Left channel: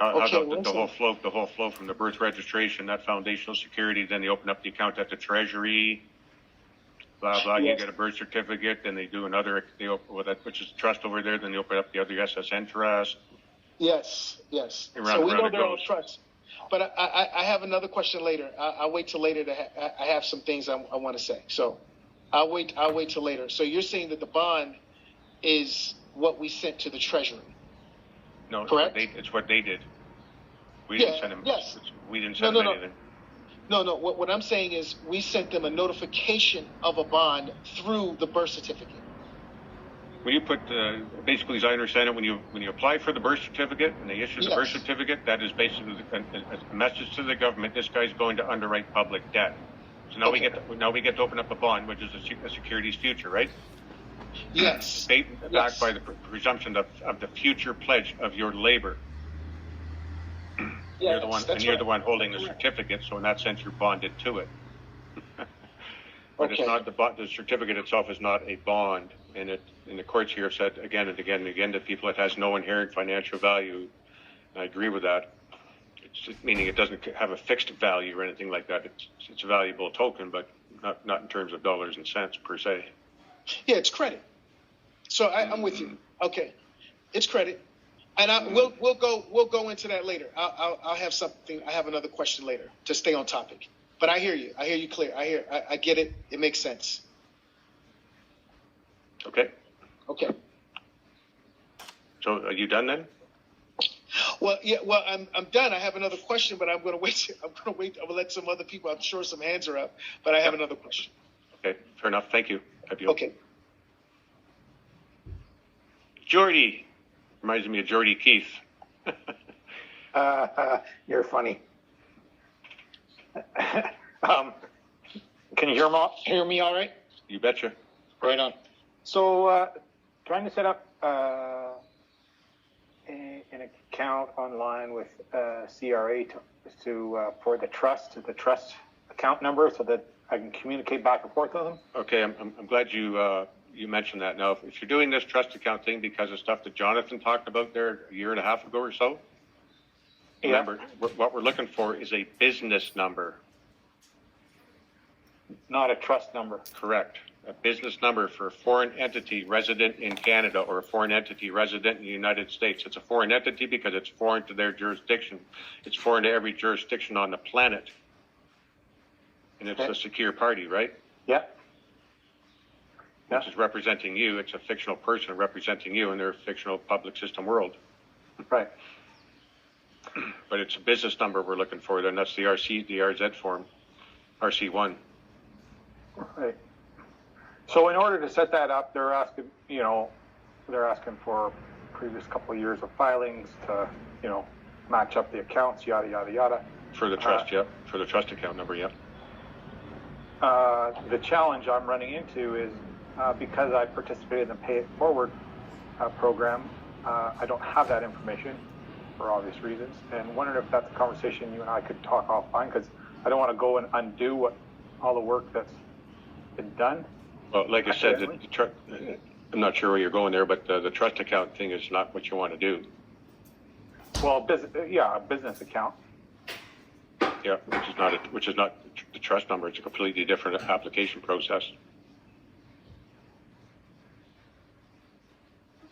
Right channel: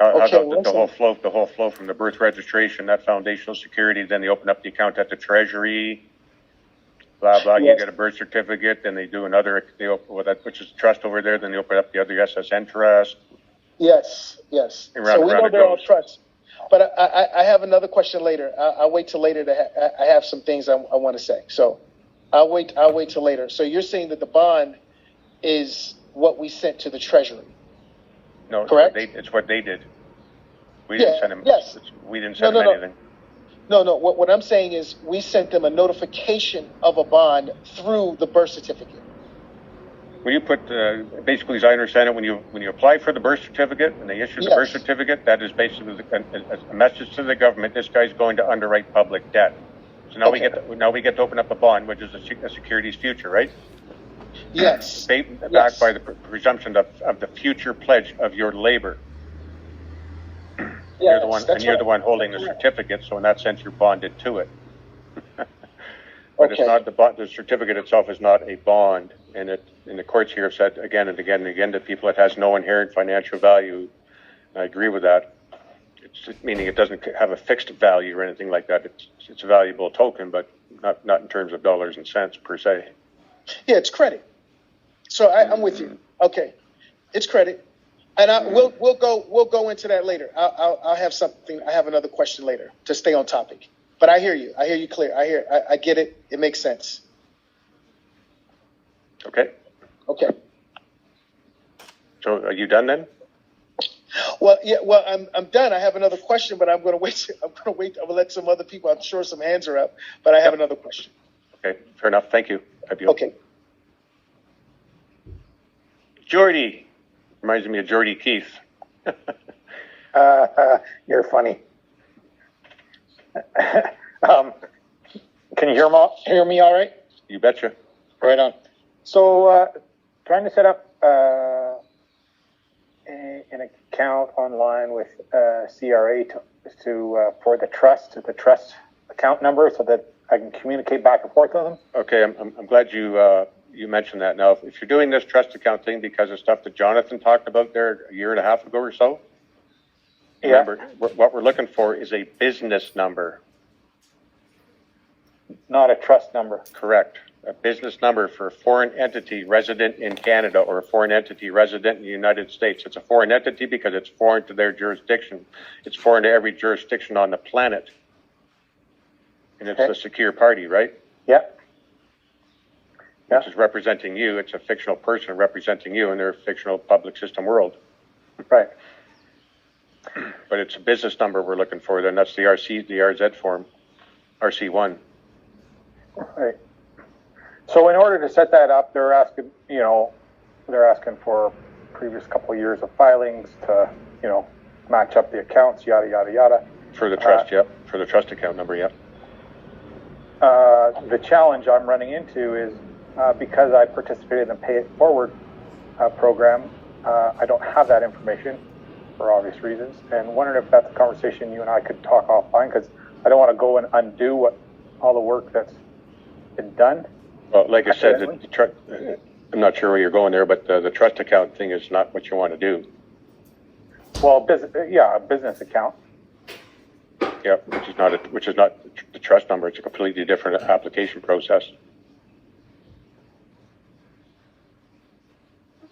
How Okay, the whole flow from the birth registration, that foundational security, then they open up the account at the treasury, blah, blah, you Yes. get a birth certificate, then they do another, which is trust over there, then they open up the other SSN trust. Yes. And So we know they're all goes. trusts. But I have another question later. I'll wait till later I have some things I want to say. So I'll wait till later. So you're saying that the bond is what we sent to the Treasury? No, correct? It's what they did. We didn't send them. Yes. We didn't send them anything. No. What I'm saying is we sent them a notification of a bond through the birth certificate. When you put, basically, as I understand it, when you apply for the birth certificate and they issue the birth certificate, that is basically a message to the government. This guy's going to underwrite public debt. So now we get to open up a bond, which is a security's future, right? Yes. Backed by the presumption of the future pledge of your labor. You're the one holding the certificate, so in that sense, you're bonded to it. But it's not the certificate itself is not a bond, and the courts here have said again and again and again to people it has no inherent financial value. I agree with that. It's meaning it doesn't have a fixed value or anything like that. It's a valuable token, but not in terms of dollars and cents per se. Yeah, it's credit. So I'm with you. Okay, it's credit, and we'll go into that later. I'll have something. I have another question later to stay on topic. But I hear you. I hear you clear. I get it. It makes sense. Okay. So are you done then? Well, yeah. Well, I'm done. I have another question, but I'm going to wait. I'm going to let some other people. I'm sure some hands are up, but I have another question. Okay. Fair enough. Thank you. Okay. Jordy reminds me of Jordy Keith. You're funny. Can you hear me all right? You betcha. Right on. So, trying to set up an account online with CRA for the trust account number, so that I can communicate back and forth with them. Okay, I'm glad you mentioned that. Now, if you're doing this trust account thing because of stuff that Jonathan talked about there a year and a half ago or so, remember, what we're looking for is a business number. Not a trust number. Correct. A business number for a foreign entity resident in Canada or a foreign entity resident in the United States. It's a foreign entity because it's foreign to their jurisdiction. It's foreign to every jurisdiction on the planet. And it's a secure party, right? Yeah. Which is representing you. It's a fictional person representing you in their fictional public system world. Right. But it's a business number we're looking for, then that's the RZ form, RC1. Right. So in order to set that up, they're asking for previous couple of years of filings to, match up the accounts, yada, yada, yada. For the trust, for the trust account number, The challenge I'm running into is because I participated in the Pay It Forward program, I don't have that information for obvious reasons, and wondering if that's a conversation you and I could talk offline, because I don't want to go and undo all the work that's been done. Well, like I said, I'm not sure where you're going there, but the trust account thing is not what you want to do. Well, a business account. Yeah, which is not the trust number. It's a completely different application process.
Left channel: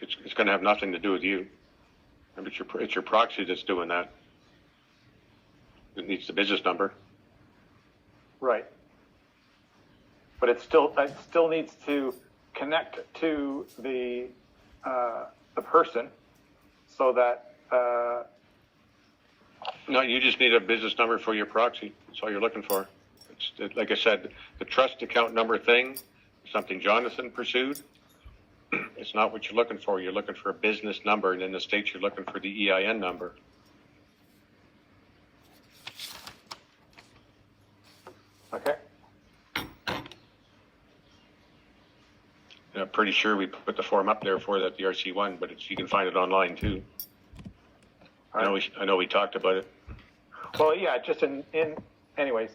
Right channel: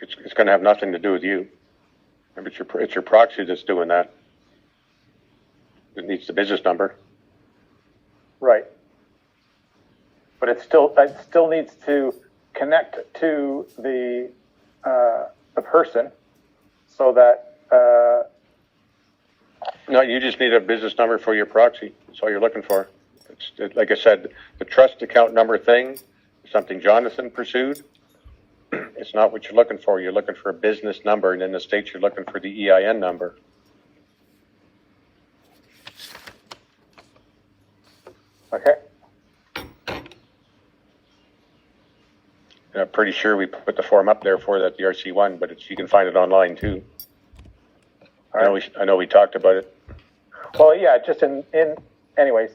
It's going to have nothing to do with you. Remember, it's your proxy that's doing that. It needs the business number. Right. But it still needs to connect to the person, so that. No, you just need a business number for your proxy. That's all you're looking for. Like I said, the trust account number thing is something Jonathan pursued. It's not what you're looking for. You're looking for a business number, and in the States, you're looking for the EIN number. Okay. And I'm pretty sure we put the form up there for that, the RC1, but you can find it online too. I know we talked about it. Well, yeah, just in anyways.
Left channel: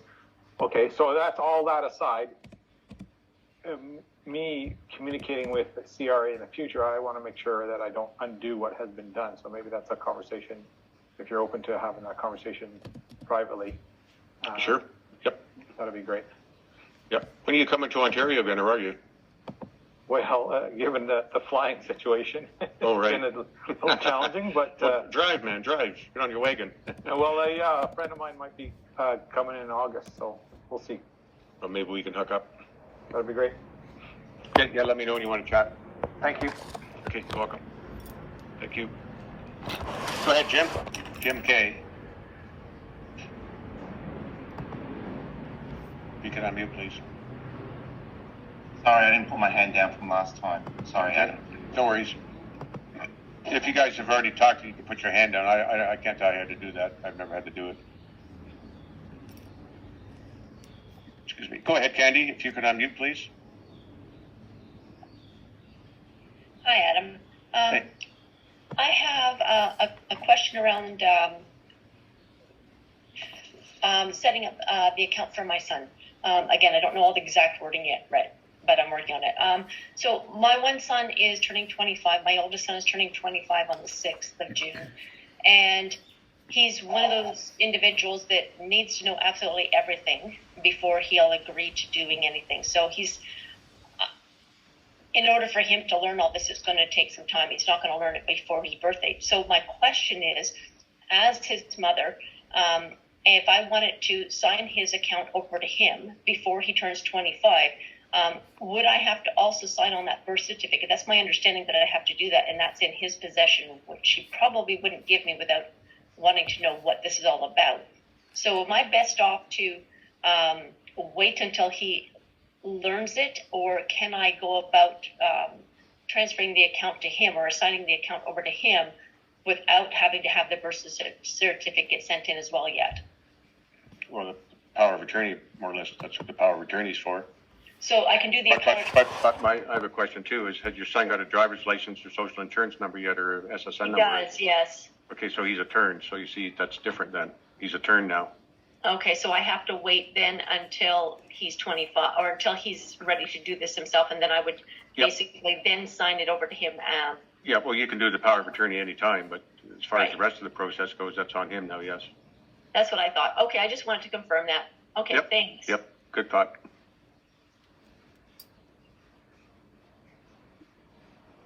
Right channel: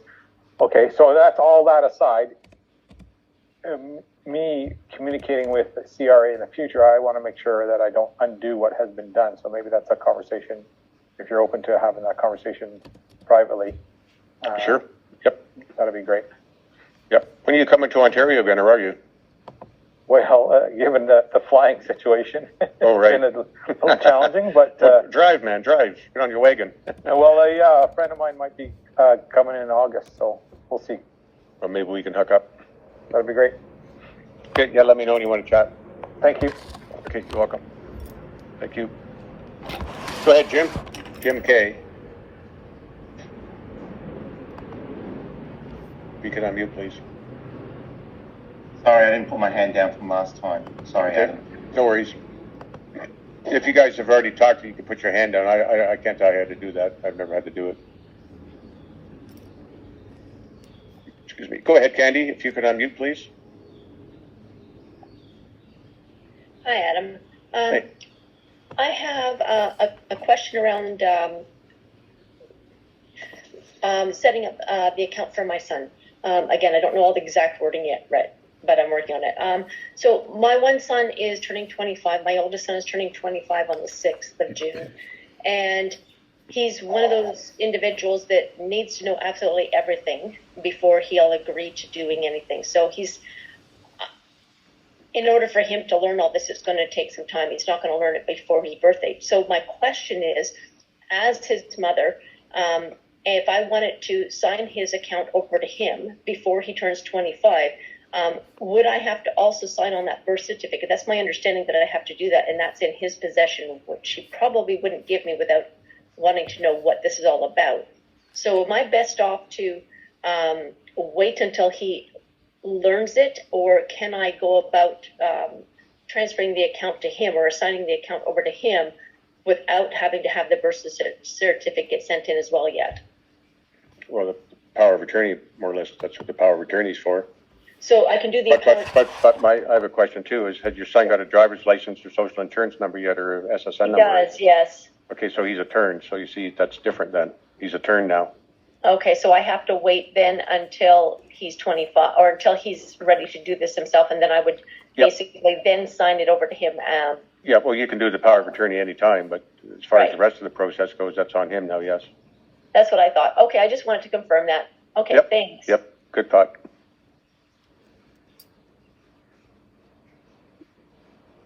Okay, so that's all that aside. Me communicating with the CRA in the future, I want to make sure that I don't undo what has been done. So maybe that's a conversation if you're open to having that conversation privately. Sure. Yep. That'd be great. Yep. When are you coming to Ontario again, or are you? Well, given the flying situation, Oh, right. it's been a little challenging, but Drive, man, drive. Get on your wagon. well, yeah, a friend of mine might be coming in August, so we'll see. Or maybe we can hook up. That'd be great. Okay, yeah, let me know when you want to chat. Thank you. Okay, you're welcome. Thank you. Go ahead, Jim. Jim K. You can unmute, please. Sorry, I didn't put my hand down from last time. Sorry, Okay. Adam. No worries. If you guys have already talked, you can put your hand down. I can't tell you how to do that. I've never had to do it. Excuse me. Go ahead, Candy. If you could unmute, please. Hi, Adam. Hey. I have a question around setting up the account for my son. Again, I don't know all the exact wording yet, right? But I'm working on it. So my one son is turning 25. My oldest son is turning 25 on the 6th of June. And he's one of those individuals that needs to know absolutely everything before he'll agree to doing anything. So in order for him to learn all this, it's going to take some time. He's not going to learn it before his birthday. So my question is, as his mother, if I wanted to sign his account over to him before he turns 25, would I have to also sign on that birth certificate? That's my understanding, that I have to do that, and that's in his possession, which he probably wouldn't give me without wanting to know what this is all about. So am I best off to wait until he learns it, or can I go about transferring the account to him or assigning the account over to him without having to have the birth certificate sent in as well yet? Well, the power of attorney, more or less, that's what the power of attorney is for. So I can do the account. But I have a question too, is had your son got a driver's license or social insurance number yet, or SSN He number? does, yes. Okay, so he's a turn, so you see, that's different then. He's a turn now. Okay, so I have to wait then until he's 25, or until he's ready to do this himself, and then I would Yep. basically then sign it over to him. Yeah, well, you can do the power of attorney anytime, but as far as the Right. rest of the process goes, that's on him now, yes. That's what I thought. Okay, I just wanted to confirm that. Okay, Yep. thanks. Yep, good thought.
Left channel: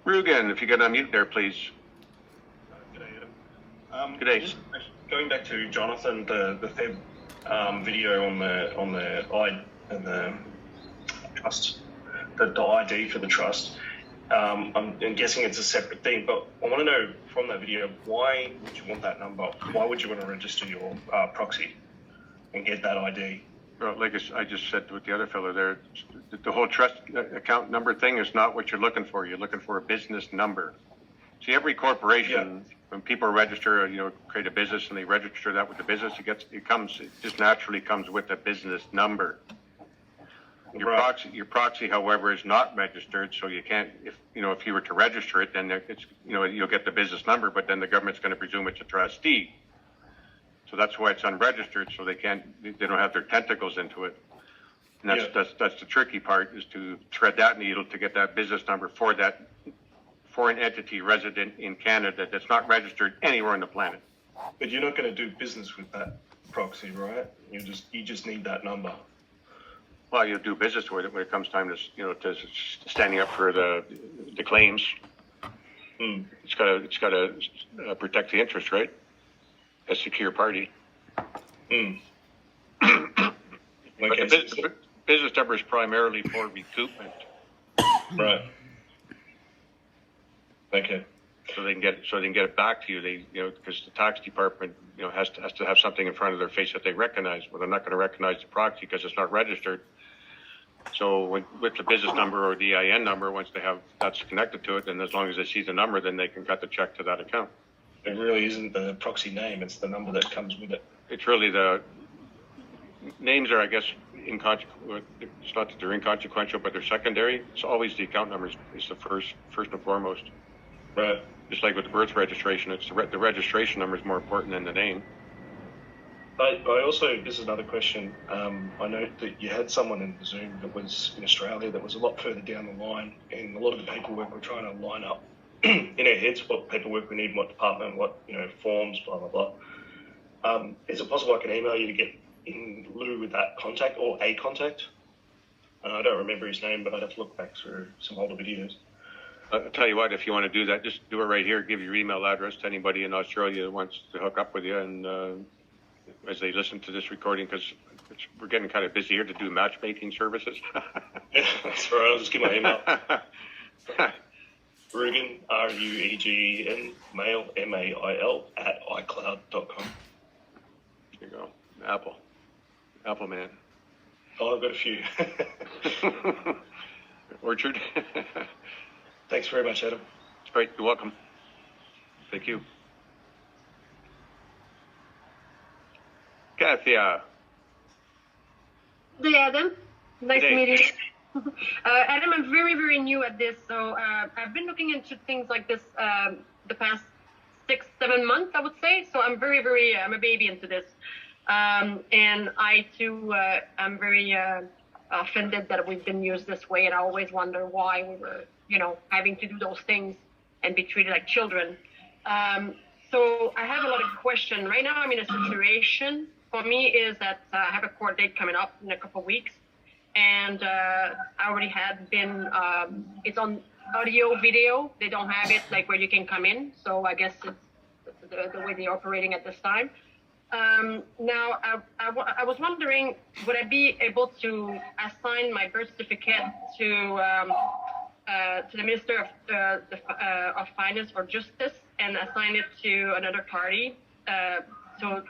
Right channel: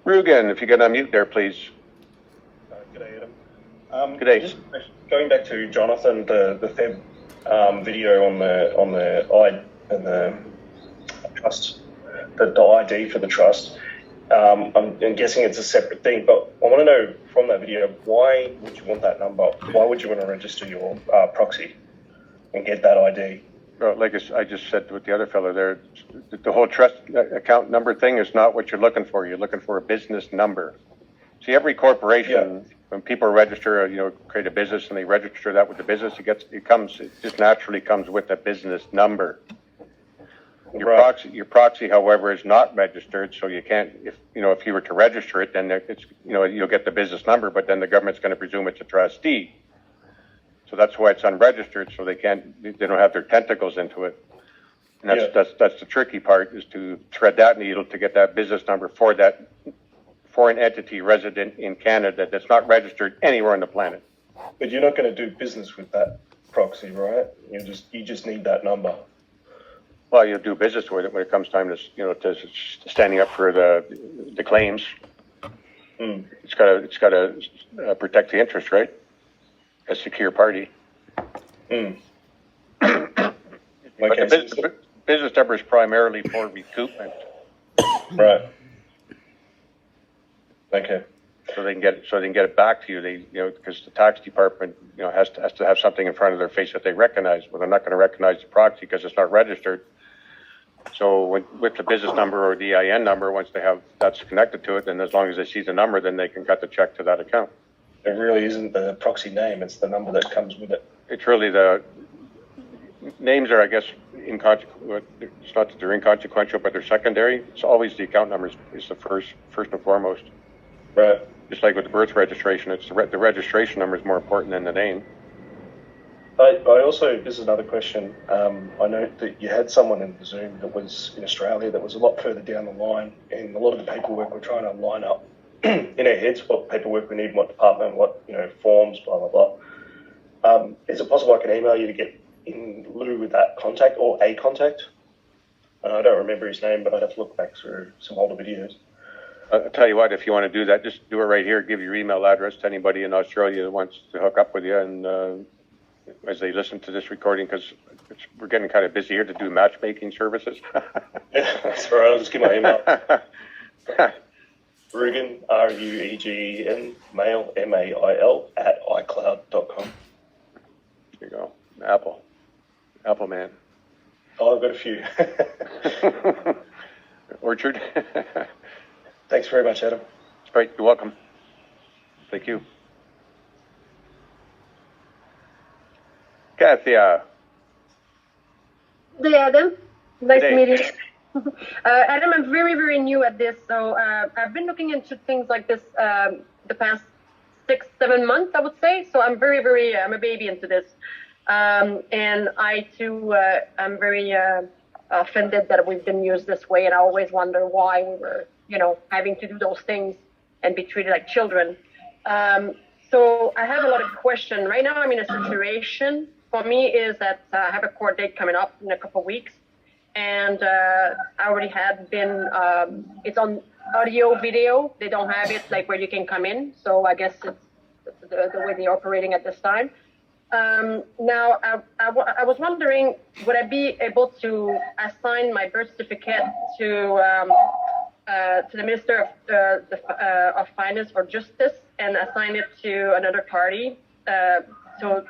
Rugen, if you can unmute there, please. G'day, Adam. G'day. Just going back to Jonathan, the Feb video on the trust, the ID for the trust. I'm guessing it's a separate thing, but I want to know from that video, why would you want that number? Why would you want to register your proxy and get that ID? Well, like I just said with the other fellow there, the whole trust account number thing is not what you're looking for. You're looking for a business number. See, every corporation, when people register, create a business and they register that with the business, it just naturally comes with a business number. Your proxy, however, is not registered, so you can't. If you were to register it, then it's you'll get the business number, but then the government's going to presume it's a trustee. So that's why it's unregistered, so they don't have their tentacles into it. And that's the tricky part, is to thread that needle to get that business number for that foreign entity resident in Canada that's not registered anywhere on the planet. But you're not going to do business with that proxy, right? You just need that number. Well, you'll do business with it when it comes time to standing up for the claims. It's got to protect the interest, right? A secure party. Okay, But the business number is primarily for recoupment. right. Okay. So they can get it back to you. Because the tax department has to have something in front of their face that they recognize. Well, they're not going to recognize the proxy because it's not registered. So with the business number or the EIN number, once that's connected to it, then as long as they see the number, then they can cut the check to that account. It really isn't the proxy name; it's the number that comes with it. It's really the names are, I guess, inconsequential. It's not that they're inconsequential, but they're secondary. It's always the account numbers is the first and foremost. Right. Just like with the birth registration, it's the registration number is more important than the name. I also, this is another question. I know that you had someone in Zoom that was in Australia that was a lot further down the line, and a lot of the paperwork we're trying to line up in our heads what paperwork we need, what department, what forms, blah blah blah. Is it possible I can email you to get in lieu with that contact or a contact? I don't remember his name, but I'd have to look back through some older videos. I'll tell you what, if you want to do that, just do it right here. Give your email address to anybody in Australia that wants to hook up with you, and as they listen to this recording, because we're getting kind of busy here to do matchmaking services. That's all right. I'll just give my email. Ruegen, RUEGEN, mail, MAIL, @iCloud.com. There you go. Apple man. Oh, I've got a few. Orchard. Thanks very much, Adam. All right, you're welcome. Thank you. Kathia. Hey, Adam. Nice Hey. meeting you. Adam, I'm very, very new at this, so I've been looking into things like this the past 6-7 months, I would say. So I'm very, very, I'm a baby into this. And I, too, I'm very offended that we've been used this way, and I always wonder why we were, having to do those things and be treated like children. So I have a lot of questions. Right now, I'm in a situation, for me, is that I have a court date coming up in a couple of weeks. And I already had been, it's on audio, video. They don't have it like where you can come in. So I guess it's the way they're operating at this time. Now, I was wondering, would I be able to assign my birth certificate to the Minister of Finance or Justice and assign it to another party so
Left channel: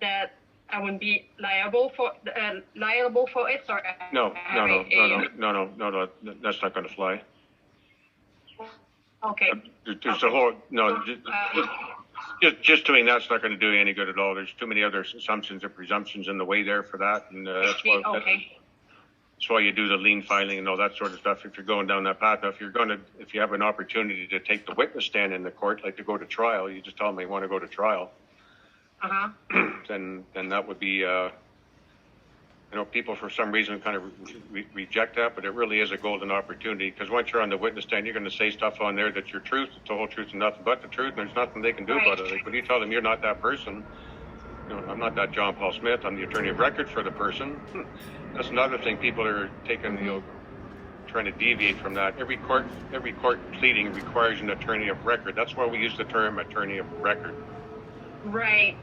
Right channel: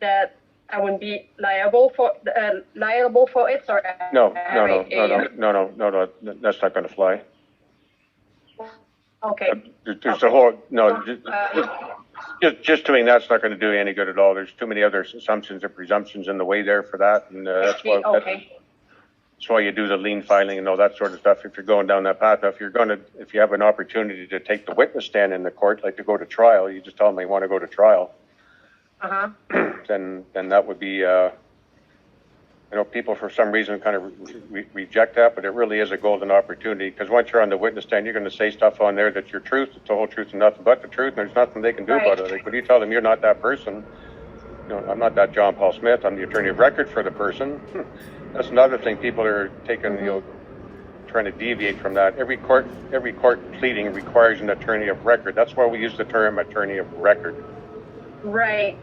that I wouldn't be liable for it? Or No, that's not going to fly. Okay. There's a whole, no, just doing that's not going to do you any good at all. There's too many other assumptions and presumptions in the way there for that, and that's why you do the lien filing and all that sort of stuff. If you're going down that path, now, if you have an opportunity to take the witness stand in the court, like to go to trial, you just tell them you want to go to trial. Then that would be, people for some reason kind of reject that, but it really is a golden opportunity, because once you're on the witness stand, you're going to say stuff on there that's your truth, it's the whole truth and nothing but the truth, and there's nothing they can do about it. Like, when you tell them you're not that person, I'm not that John Paul Smith, I'm the attorney of record for the person. That's another thing people are taking, trying to deviate from that. Every court pleading requires an attorney of record. That's why we use the term attorney of record. Right.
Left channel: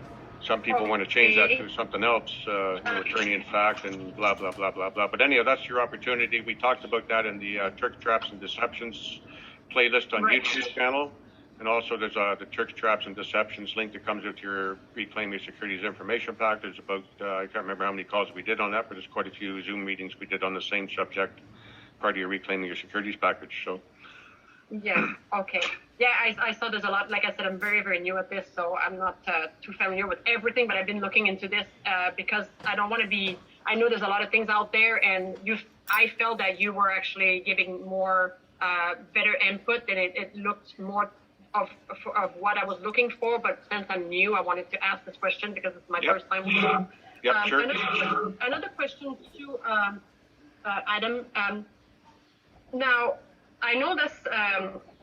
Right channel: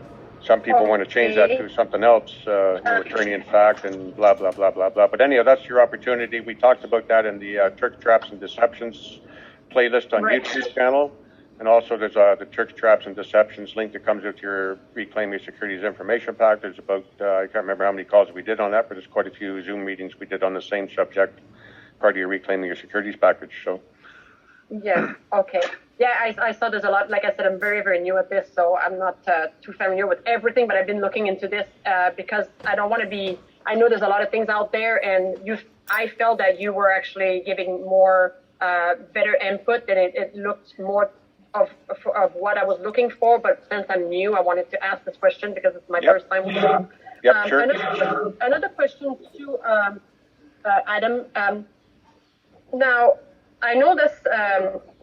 Some people want to change that to something else, attorney in fact, and blah, blah, blah, blah, blah. But anyhow, that's your opportunity. We talked about that in the Tricks, Traps, and Deceptions playlist on YouTube channel. And also there's the Tricks, Traps, and Deceptions link that comes with your Reclaim Your Securities Information Pack. There's about, I can't remember how many calls we did on that, but there's quite a few Zoom meetings we did on the same subject, part of your Reclaiming Your Securities package. So. Yes. Okay. Yeah, I saw there's a lot. Like I said, I'm very, very new at this, so I'm not too familiar with everything, but I've been looking into this because I don't want to be, I know there's a lot of things out there, and I felt that you were actually giving more, better input, and it looked more of what I was looking for, but since I'm new, I wanted to ask this question because it's my first time with you. Yep, sure. Another question too, Adam. Now, I know this,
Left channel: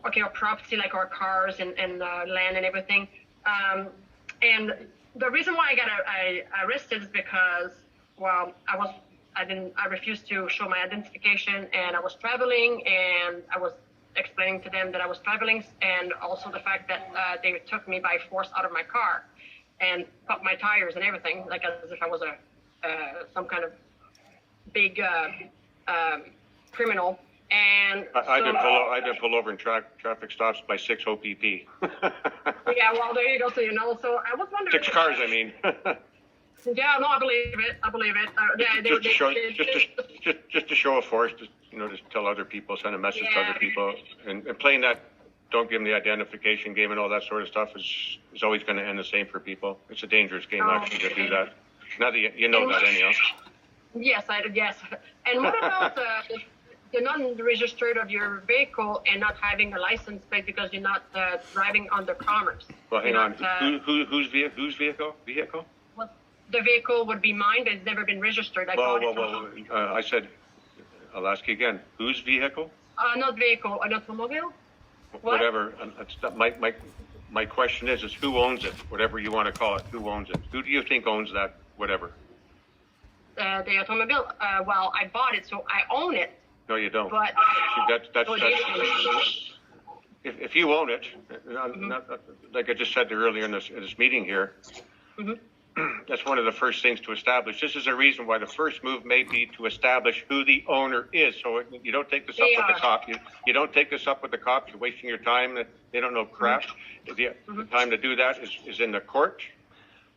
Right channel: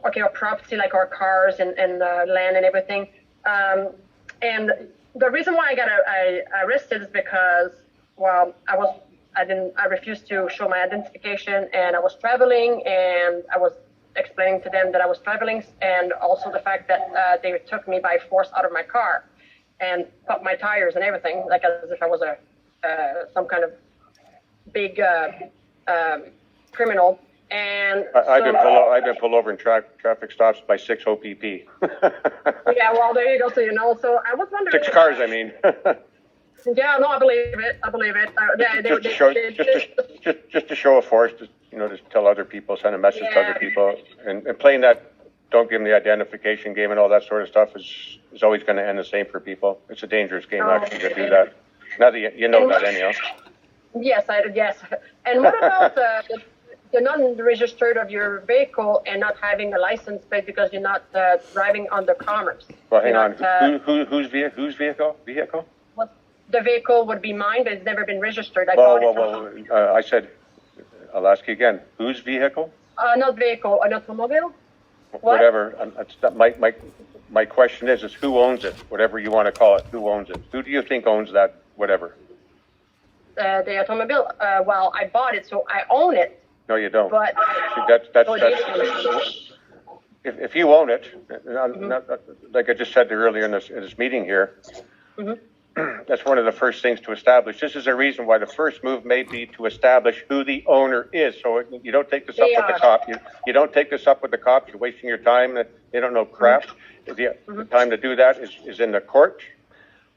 our property, like our cars and land and everything. And the reason why I arrested is because, well, I refused to show my identification, and I was traveling, and I was explaining to them that I was traveling, and also the fact that they took me by force out of my car and popped my tires and everything, like as if I was some kind of big criminal. And I did pull over in traffic stops by 6 OPP. Yeah, well, there you go. So so I was wondering. 6 cars, I mean. Yeah, no, I believe it. Just to show a force, just tell other people, send a message to other people, and playing that don't give them the identification game and all that sort of stuff is always going to end the same for people. It's a dangerous game actually to do that. Now that you know that anyhow. Yes, yes. And what about the non-registered of your vehicle and not having a license plate because you're not driving under commerce? Well, hang on. Whose vehicle? Vehicle? Well, the vehicle would be mine, but it's never been registered. I said, I'll ask you again. Whose vehicle? Not vehicle, an automobile. whatever. My question is who owns it? Whatever you want to call it, who owns it? Who do you think owns that? Whatever. The automobile. Well, I bought it, so I own it. No, you don't. But That's so do you? if you own it, like I just said earlier in this meeting here, that's one of the first things to establish. This is a reason why the first move may be to establish who the owner is. So you don't take this up with the cop. You don't take this up with the cop. You're wasting your time. They don't know crap. The time to do that is in the court,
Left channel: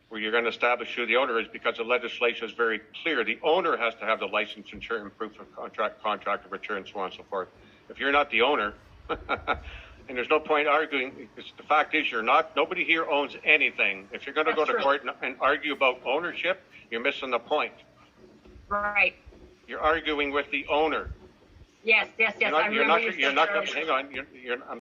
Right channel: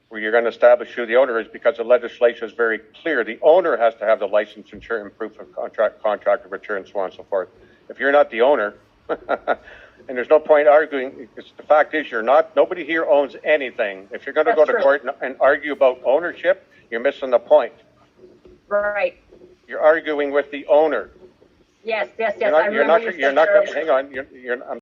where you're going to establish who the owner is, because the legislation is very clear. The owner has to have the license, insurance, proof of contract of return, so on and so forth. If you're not the owner, and there's no point arguing, because the fact is nobody here owns anything. If you're going to go to court and argue about ownership, you're missing the point. Right. You're arguing with the owner. Yes. You're not, hang on. I'm